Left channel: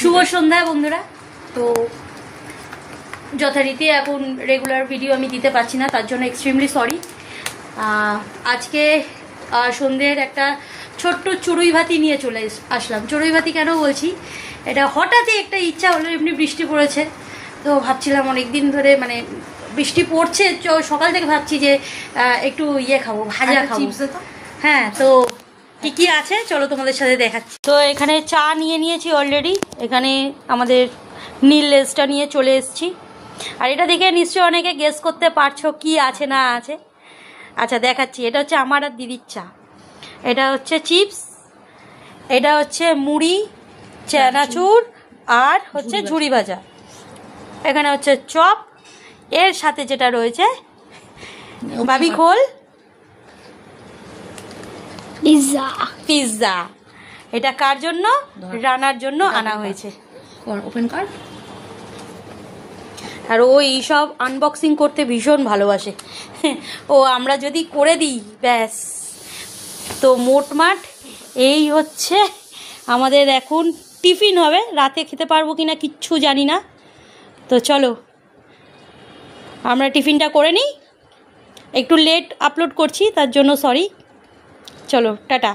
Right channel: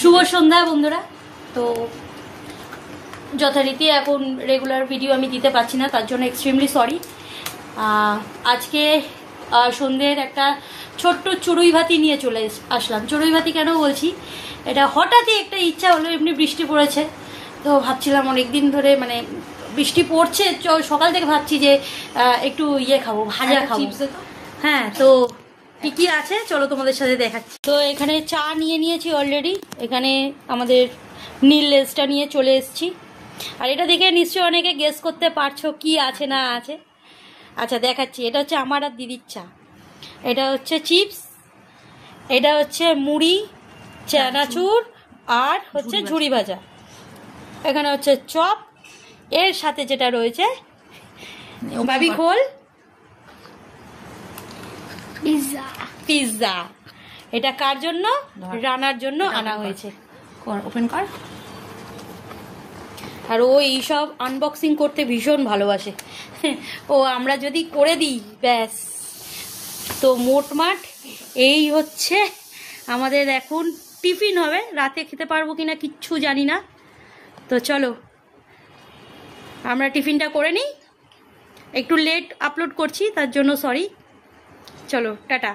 শুভ সন্ধ্যা বন্ধুরা। তো যথারীতি এখন রেগুলার ভিডিও আমি দিতে পারছি না, তার জন্য এক্সট্রিমলি সরি। আজকে সন্ধ্যের একটা ছোট্ট চড়ুই ভাতি নিয়ে চলে আসলাম। চড়ুই ভাতি কেন বলছি, এটা হঠাৎই একটা ইচ্ছা হলো, এমনি বৃষ্টি পড়েছে তো ভাবছিলাম অনেকদিন ধরে, মানে বৃষ্টি পড়ছে সকাল থেকে ভাবছি যে একটু ইয়ে খাবো, ভাজা খাবো। হ্যাঁ, তো কি কি আছে চলো তোমাদের সাথে দেখাচ্ছি। তো এখানে চা নিয়ে নিয়েছি অলরেডি, এখানে আমাদের নীল লেসটা নিয়ে চলে এসেছি। আর এটা দেখে নিশ্চয়ই অনেকে গেস করতে পারছো কি আছে না আছে। আচ্ছা দেখাচ্ছি, এটা হচ্ছে আমার আর দিদির চা, এটা হচ্ছে চিপস, এটা হচ্ছে মুড়ি, চানাচুর আর হচ্ছে ঝুড়ি ভাজা, এখানে হচ্ছে চপ, এর সাথে যেটা রয়েছে ভাবি খোল পিৎজা। পিৎজা এটা কার জন্য? রানার জন্য আনা হয়েছে। ওপেন কর। আর ও এইসব আনবক্সিং করতে ভীষণ ভালোবাসে। ও আমরা যদি করে দিই ব্যাস। তো মোটমাট এই হচ্ছে আমাদের এখন টিফিন হবে। রাতে খেতে পারবো কিনা কিচ্ছু জানি না। তো চলো আমরা টিফিনটা করে নিই। একটু লেট আপলোড করছি তার জন্য সরি। চলো টাটা।